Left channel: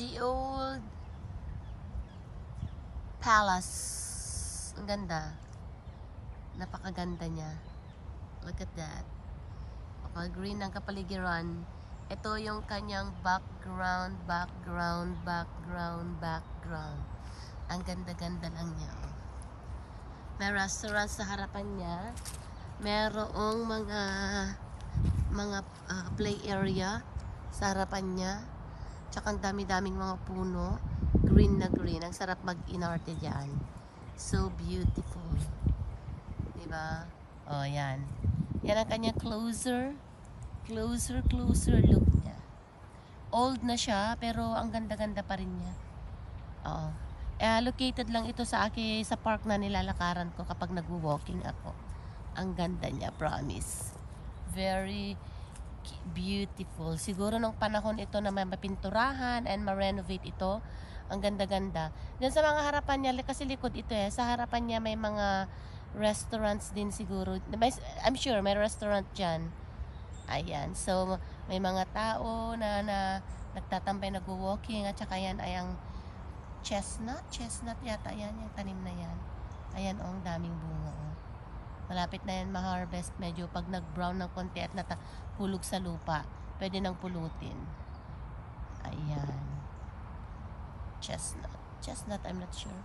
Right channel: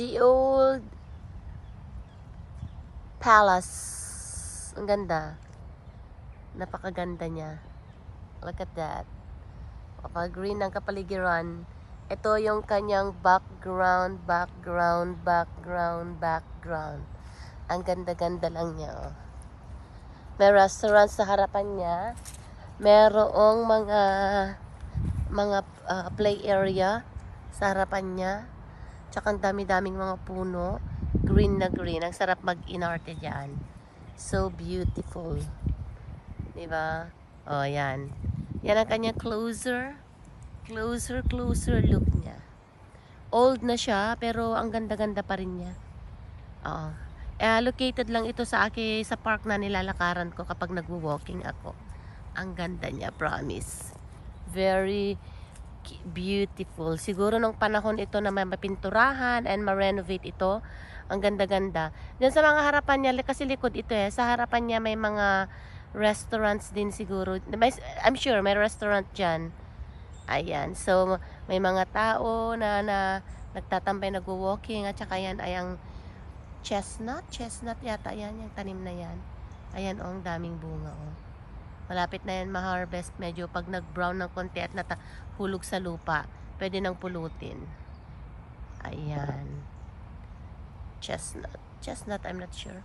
The old palace. Ang ganda. Napakaganda niya. Look at that. Green ang kapaligiran. Ito yung kanyang background. Ang ganda-ganda lang niya. Oh. May restaurant sa harapan niya. Merong mga play area sa harapan niya. Tsaka ang dami-daming mga puno. Green na green. Ang sarap mag-inarte dyan. So beautiful. Diba? Oh, yan. Yan ang kanyang closer look niya. Old na siya, pero ang ganda-ganda pa rin niya. Oo. Located lang ito sa park na nilalakaran ko kapag nagwo-walking ako. Ang ganda niya, promise. Very beautiful. Siguro nung panahon ito na may mapinturahan and ma-renovate ito. Ang ganda-ganda. Diyan sa mga harapan niya, kasi likod ito Sa harapan niya may mga restaurants din siguro. I'm sure may restaurant dyan. Ayan. So, may mga tao na nagtatambay, nagwo-walking. At saka yan ay ang chestnut yata. Ayan, yung tanim na yan. Ayan, ang daming bunga. Malapit na yan ma-harvest. Medyo pag nag-brown ng konti at hulog sa lupa, pwede nang pulutin. Ayan. Chestnut, I'm not sure.